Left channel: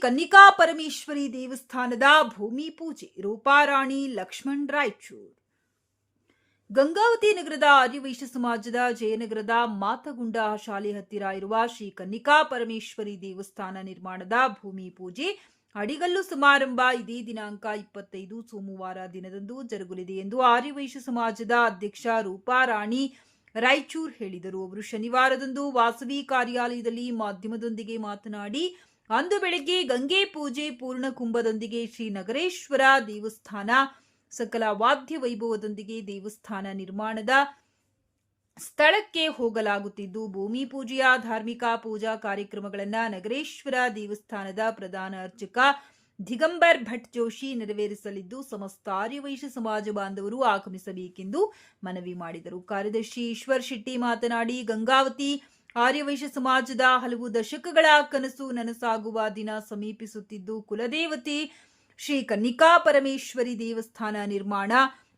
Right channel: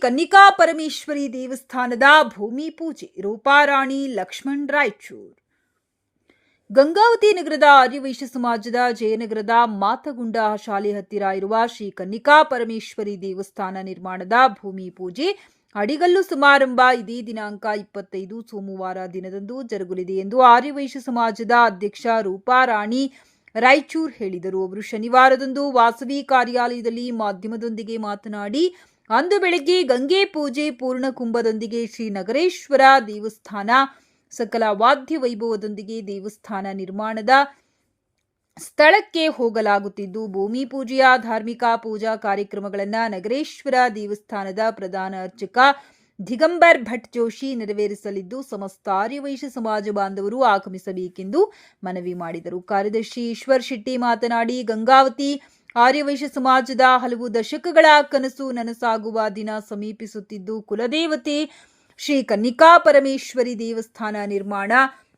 ಕನ್ನಿಕಾ ಪರಮೇಶ್ವರಿ ದೇವಸ್ಥಾನದ ಭೂಮಿ ಪೂಜೆ, ರೂಪಾರಾಣಿ ಲಕ್ಷ್ಮಣ್ ರಾಯಚೂರ್. ಗಂಗಾವತಿ ನಗರದ ಆರ್ಯವೈಶ್ಯ ಸಮಾಜದ ಜಯನಗರದ ಮಾತಗುಂಡ ಶಾಲೆ ಹತ್ತಿರ ಇರುವ ಶ್ರೀ ಕನ್ನಿಕಾ ಪರಮೇಶ್ವರಿ ದೇವಸ್ಥಾನ ನಿರ್ಮಾಣದ ಭೂಮಿ ಪೂಜೆ ಅಡಿಗಲ್ಲು ಸಮಾರಂಭ ಇದೇ ದಿನಾಂಕ ಇಪ್ಪತ್ತೈದು ಸೋಮವಾರ ದಿನದಂದು ಜರುಗಲಿದೆ ಎಂದು ಆರ್ಯವೈಶ್ಯ ಸಮಾಜದ ಅಧ್ಯಕ್ಷ ರೂಪಾರಾಣಿ ರಾಯಚೂರ್ ಹೇಳಿದರು. ಅವರು ಶನಿವಾರದಂದು ವಾಸವಿ ಕಾರ್ಯಾಲಯದಲ್ಲಿ ಮಾಧ್ಯಮದೊಂದಿಗೆ ಮಾತನಾಡಿ ಅಂದು ಬೆಳಗ್ಗೆ ಗಂಗೆ ಪೂಜೆ ಪೂರ್ಣ ಕುಂಭದೊಂದಿಗೆ ಶ್ರೀ ನಗರೇಶ್ವರ ದೇವಸ್ಥಾನ, ಸಕಲ ವಾದ್ಯ ವೈಭವದೊಂದಿಗೆ ದೇವಸ್ಥಾನ ನಿರ್ಮಾಣದ ಸ್ಥಳಕ್ಕೆ ಹೋಗಲಾಗುತ್ತಿದ್ದು, ಭೂಮಿ ಪೂಜೆಯ ಧಾರ್ಮಿಕ ಪೂಜಾ ಕಾರ್ಯಕ್ರಮಗಳನ್ನು ನಗರೇಶ್ವರ ದೇವಸ್ಥಾನದ ಪ್ರಧಾನ ಅರ್ಚಕ ದಿಗಂಬರ್ ಭಟ್ ಜೋಶಿ ನೆರವೇರಿಸಲಿದ್ದು, ಸಮಸ್ತ ಆರ್ಯವೈಶ್ಯ ಸಮಾಜ ಬಾಂಧವರು ಆಗಮಿಸಬೇಕೆಂದು ಮನವಿ ಮಾಡಿದರು. ಕಾರ್ಯದರ್ಶಿ ಈಶ್ವರ್ ಶೆಟ್ಟಿ ಮಾತನಾಡಿ, ಗಂಗಾವತಿ ಆರ್ಯವೈಶ್ಯ ಸಮಾಜದ ಹಲವು ದಶಕಗಳ ಕನಸು ನನಸಾಗುವ ದಿನ ಸಮೀಪಿಸುತ್ತಿದ್ದು, ಕುಲದೇವತೆ ಶ್ರೀ ಕನ್ನಿಕಾ ಪರಮೇಶ್ವರಿ ದೇವಸ್ಥಾನ ನಿರ್ಮಾಣ,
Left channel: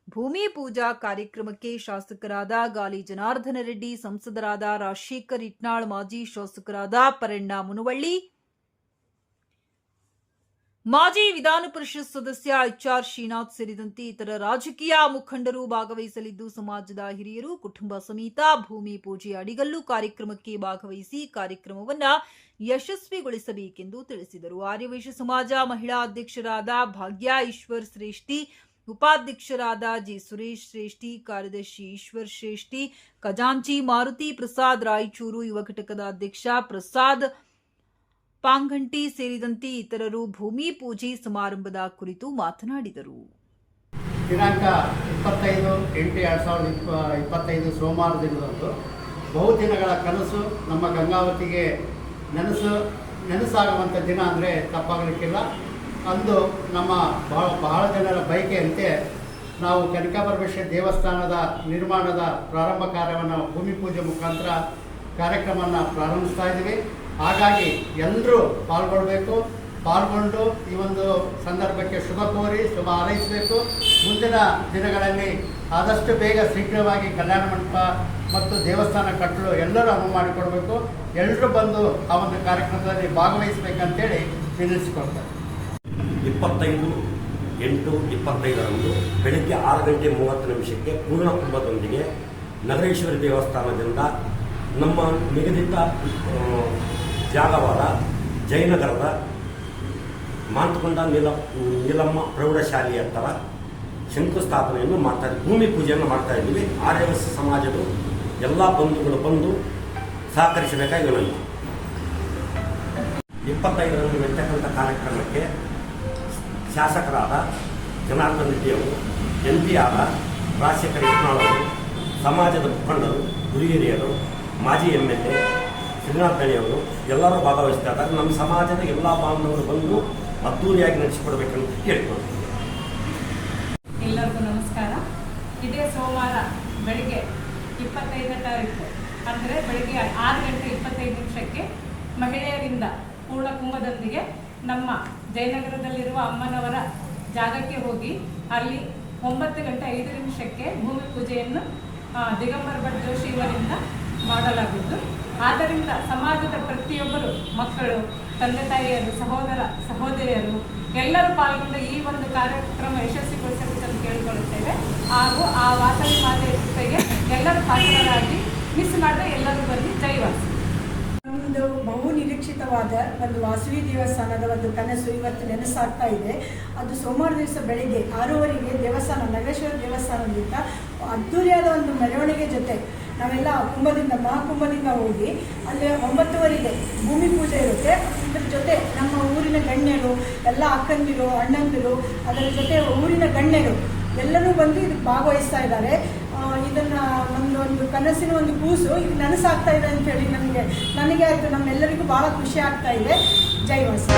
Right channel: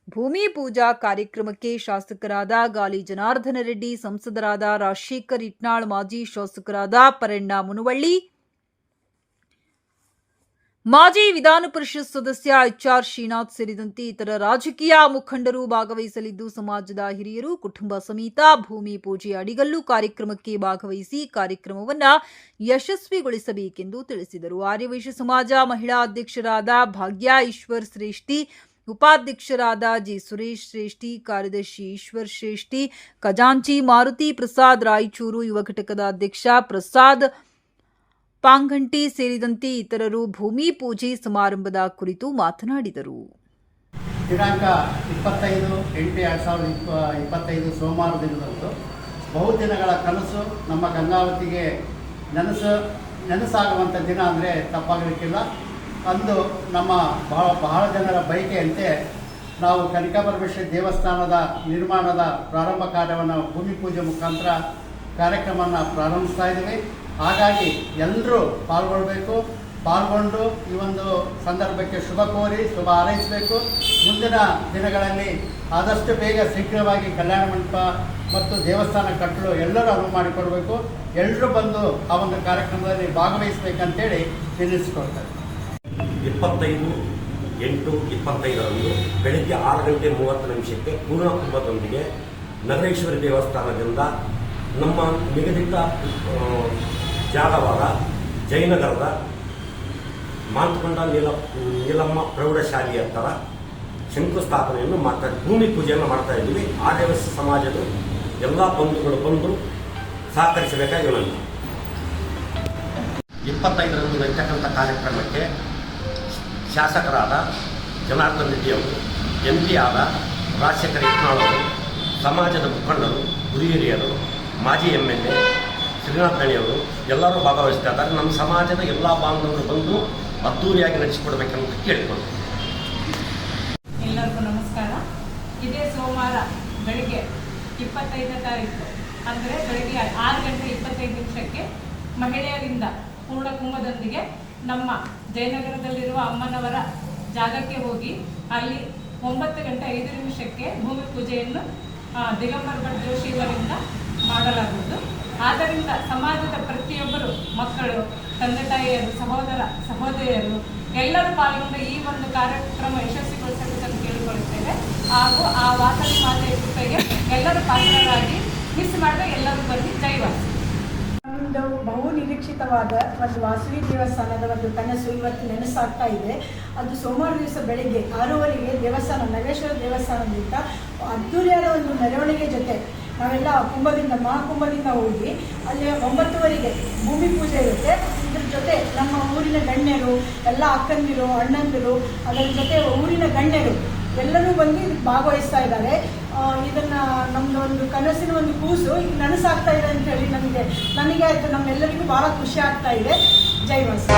ಭೂಮಿ ಪೂಜಾ ಕಾರ್ಯಕ್ರಮಕ್ಕೆ ಶಾಸಕರಾದ ಗಾಲಿ ಜನಾರ್ದನ ರೆಡ್ಡಿ, ಸಂಸದರಾದ ರಾಜಶೇಖರ್ ಇಟ್ನಾಳ್, ಮಾಜಿ ಶಾಸಕರಾದ ಪರಣ್ಣ ಮುನವಳ್ಳಿ ಮಾಜಿ ವಿಧಾನ ಪರಿಷತ್ ಸದಸ್ಯ ಎಚ್ಆರ್ ಶ್ರೀನಾಥ್ ಸೇರಿದಂತೆ ಇತರ ರಾಜಕೀಯ ಮುಖಂಡರು ಭಾಗವಹಿಸಲಿದ್ದು, ಸಮಾಜದ ಹಿರಿಯರು, ಕುಟುಂಬ ಸಮೇತ ಭೂಮಿ ಪೂಜೆ ಅಡಿಗಲ್ಲು ಕಾರ್ಯಕ್ರಮಕ್ಕೆ ಭಾಗವಹಿಸಿ ಕಾರ್ಯಕ್ರಮವನ್ನು ಯಶಸ್ವಿಗೊಳಿಸಬೇಕೆಂದು ತಿಳಿಸಿದರು. ಆರ್ಯವೈಶ್ಯ ಸಮಾಜ ಮಹಿಳಾ ಅಧ್ಯಕ್ಷರಾದ ಭಾಗ್ಯ ಈಶ್ವರ್ ಶ್ರೇಷ್ಠಿ, ಉಪಾಧ್ಯಕ್ಷರಾದ ಜಿ ಸುರೇಶ್ ಶ್ರೇಷ್ಠಿ, ಕಾರ್ಯದರ್ಶಿ ಈಶ್ವರ್ ಶ್ರೇಷ್ಠಿ, ಖಜಾಂಚಿ ಮಾರುತಿ ಪ್ರಸಾದ್ ರಾಯಚೂರು, ಯುವ ಘಟಕದ ಅಧ್ಯಕ್ಷ ಪ್ರಸಾದ್ ಪಾಂಗಂಟಿ ಸೇರಿದಂತೆ ಇತರರು ಭೂಮಿ ಪೂಜೆ ಸಮಾರಂಭದ ಕುರಿತು ಮಾತನಾಡಿದರು. ದಿನಾಂಕ ಇಪ್ಪತ್ತೈದು ಎಂಟು ಎರಡು ಸಾವಿರದ ಇಪ್ಪ, ಇಪ್ಪತ್ತೈದು ಸೋಮವಾರ ದಿನದಂದು ಬಹುದಿನಗಳ ಕನಸು ನಮ್ಮ ಗಂಗಾವತಿಗೆ ನೆನಸು ನೆನಸಾಗುವಂಥ ದಿನ ಅಂದರೆ ತಪ್ಪಾಗಲಿಕ್ಕಿಲ್ಲ. ಅಂದು ನಮ್ಮ ಬಹಳ ಬಹಳ ಜನರ ಬಯಕೆಯಂತೆ ನಾವು ಕನಕಪರಮೇಶ್ವರ ದೇವಸ್ಥಾನದ ನಿರ್ಮಾಣದ ಪ್ರಾರಂಭ ಕಾರ್ಯವನ್ನು ಭೂಮಿ ಪೂಜೆ ಮುಖಾಂತರ ಕಾರ್ಯಕ್ರಮವನ್ನು ಪ್ರಾರಂಭಿಸ್ತಾ ಇದ್ದೀವಿ. ಹಾಗಾಗಿ ಎಲ್ಲರೂ ಪಾಲ್ಗೊಳ್ಬೇಕು, ಪಾಲ್ಗೊಂಡು ಈ ಒಂದು ಸಂದರ್ಭಕ್ಕೆ ಶುಭ ಕೋರಿ, ಶುಭ ಹಾರೈಸಬೇಕು. ಮುಂದಿನ ದಿನಗಳಲ್ಲಿ ಆದಷ್ಟು ಬೇಗ ಶೀಘ್ರವಾಗಿ ಕಲ್ಯಾಣ ಮಂಟಪ ಮತ್ತು ದೇವಸ್ಥಾನ ಕಟ್ಟಲು ಎಲ್ಲರೂ ಅನುವು ಮಾಡಿಕೊಡಬೇಕು. ಎಲ್ಲರೂ ಬಂದು ಆ ಒಂದು ಕಾರ್ಯಕ್ರಮದಲ್ಲಿ ಭಾಗವಹಿಸಬೇಕಂತೇಳಿ ನಿರ್ಣಯಿಸಿಕೊಳ್ತಾರೆ ಇಪ್ಪತ್ತೈದು, ಎಂಟು, ಇಪ್ಪತ್ತೈದರಂದು ಬೆಳಿಗ್ಗೆ ಆರು ಗಂಟೆ ಮೂವತ್ತು ನಿಮಿಷಕ್ಕೆ ಪೂರ್ಣ ಕುಂಭದೊಂದಿಗೆ ನಗರೇಶ್ವರಿ ದೇವಸ್ಥಾನದಿಂದ ನಮ್ಮ ನಿಗದಿತ ಜಾಗವಾದ ಜಯನಗರದ ಮಾಂತಕೊಂಡ ನೀಲ ನೀಲಮ್ಮ ಪ್ರೌಢಶಾಲೆಯ ಹತ್ತಿರ ಶಂಕುಸ್ಥಾಪನೆಯನ್ನು ಮಾಡ್ತಾ ಭೂಮಿ ಪೂಜೆಯನ್ನು ಮಾಡ್ತಾ ಇದ್ದೀವಿ. ಆರ್ಯವಸ್ ಸಮಾಜದ ಎಲ್ಲ ಬಂಧುಗಳು ಬಂದು ಸಹಕರಿಸಬೇಕಾಗಿ ಇಪ್ಪತ್ತೈದರಂದು ನಡೀತಕ್ಕಂಥ ಕಾರ್ಯಕ್ರಮಕ್ಕೆ ಶಾಸಕರಾದ ಜನಾರ್ದನ್ ರೆಡ್ಡಿ ಅವರು ಎಂ ಪಿ ಆದ ರಾಜಶೇಖರ ಯತ್ನಾಳ್ ಅವರು, ಸಮಾಜದ ಮುಖಂಡರು ಹಿರಿಯರು, ಮಾಜಿ ಎಂ ಎಲ್ ಎ ಶ್ರೀನಾಥ್ ಅವರು, ಎಲ್ಲರೂ ಭಾಗವಹಿಸ್ತಾ ಇದ್ದಾರೆ ನಮ್ಮ ಸಮಾಜದ ಎಲ್ಲ ಬಾಂಧವರು ಬಂದು ಅದ್ದೂರಿಯಾಗಿ ನಡೆಸಿಕೊಡ್ಬೇಕಂತ ಕೇಳಿಕೊಂಡು. ಎಲ್ಲರಿಗೂ ನಮಸ್ಕಾರ. ಇದೇ ಸೋಮವಾರ ಬೆಳಿಗ್ಗೆ ಇಪ್ಪತ್ತೈದನೇ ತಾರೀಕು, ಅಂದರೆ ಬೆಳಿಗ್ಗೆ ಆರು ಗಂಟೆ ಇಪ್ಪತ್ತೈದು ನಿಮಿಷಕ್ಕೆ ಮಹಿಳೆಯರಿಂದ ಪೂರ್ಣ ಕುಂಭದೊಂದಿಗೆ ನಮ್ಮ ಜಯನಗರದಲ್ಲಿರುವ ಅಮ್ಮನವರ ಜಾಗಕ್ಕೆ ಹೋಗಿ ಅಲ್ಲಿ ಒಂಬತ್ತು ಗಂಟೆ ಐದು ನಿಮಿಷಕ್ಕೆ ಭೂಮಿ ಪೂಜೆಯನ್ನು ದಿಗಂಬರ್ ಭಟ್ ಜೋಶಿ ಮಾಡಲಾಗುವುದು. ಆದ್ದರಿಂದ ಸಮಾಜದ ಪ್ರತಿಯೊಬ್ಬರು, ಮಕ್ಕಳು, ತಂದೆ ತಾಯಿಯರು, ಸಹೋದರ, ಸಹೋದರಿಯರು, ಎಲ್ಲರೂ ಪಾಲ್ಗೊಂಡು ಈ ಒಂದು ಕಾರ್ಯಕ್ರಮ ಯಶಸ್ವಿಗೊಳಿಸಬೇಕಂತ ಕೇಳಿಕೊಳ್ಳುತ್ತೇವೆ. ಹಾಗೂ ಆ ವಾಸವಿ ಮಾತೆಯ ಕೃಪೆಗೆ ಎಲ್ಲರೂ ಪಾತ್ರರಾಗಿ ಮಿಸ್ ಮಾಡದೆ ಎಲ್ಲರೂ ಬನ್ನಿ. ಜೈವಾಸಿ ಒಂದು ಬಹು ನಿರೀಕ್ಷಿತವಾದ ಒಂದು ವಾಸವಿ ದೇವಸ್ಥಾನದ ಒಂದು ಕನಸು ಇವತ್ತು ನೆನೆಸಾಗ್ತಾ ಇದೆ. ಅದು ಸೋಮವಾರ ದಿವಸ ಬೆಳಿಗ್ಗೆ ಆರೂವರೆಗೆ ದೇವಸ್ಥಾನ ನಗರೇಶ್ವರ ದೇವಸ್ಥಾನದಿಂದ ಅದ್ದೂರಿಯಾದ ಒಂದು ಮೆರವಣಿಗೆ ಜೊತೆ ನಾವೆಲ್ಲ ಕುಂಭದಿಂದ, ಮಹಾಕುಂಭದಿಂದ ಹೋಗಿ ಅಲ್ಲಿ ಒಂಬತ್ತುವರೆಗೆ ಭೂಮಿ ಪೂಜೆ ಇರುತ್ತೆ. ಇದ್ರ ಜೊತೆ ನಮ್ಮ ಊರಿನ ಗಣ್ಯರು, ಎಲ್ಲ ಅಕ್ಕಂದಿರು, ಅಣ್ಣಂದಿರು, ಅದರ ಜೊತೆ ಊರಿನ ಗಣ್ಯರು ಎಲ್ಲರೂ ಬಂದು ಇದಕ್ಕೆ ಭಾಗವಹಿಸ್ತಾ ಇದ್ದಾರೆ. ಇದನ್ನ ನಮ್ದು ಒಂದು ಕನಸಿನ ಒಂದು ಕೂಸು. ಈಗ ನನಸಾಗ್ತಾ ಇದೆ ಅಂತ ಹೇಳಿ ನಮಗೆ, ನನಗೆ ಆಯ್ತು. ನಮ್ಮೆಲ್ಲರಿಗೂ ಬಹಳ ಖುಷಿ ಆಗ್ತಾ ಇದೆ. ಜೈ ವಾಸ.